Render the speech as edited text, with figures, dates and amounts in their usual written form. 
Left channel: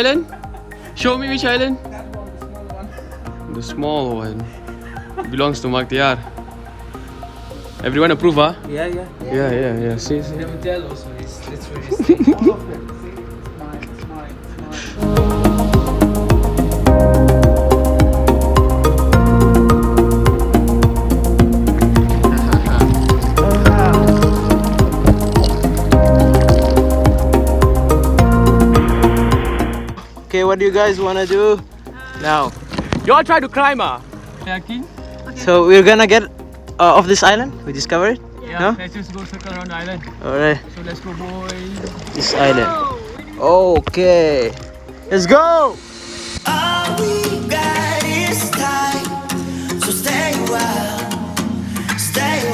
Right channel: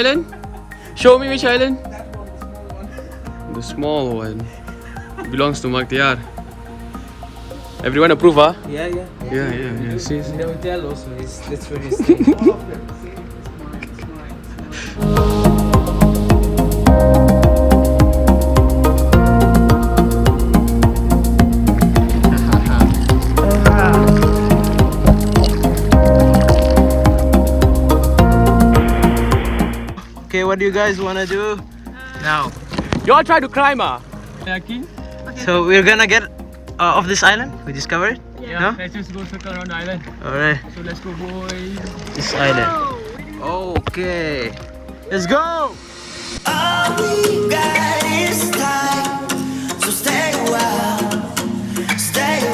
island? Show me which island. The small one. Belongs to Maktiar. Everyone approve, huh? Yeah. Yeah. See. Never tell us, please. Let's really Okay, what do you guys want to do now? You all try to climb, ah? So we're gonna get off this island. We discover it. Yeah. Let's just go circle around the island. Alright, So let's go, boys. this island. Okay, let's go. All we got is time, so stay a while, stay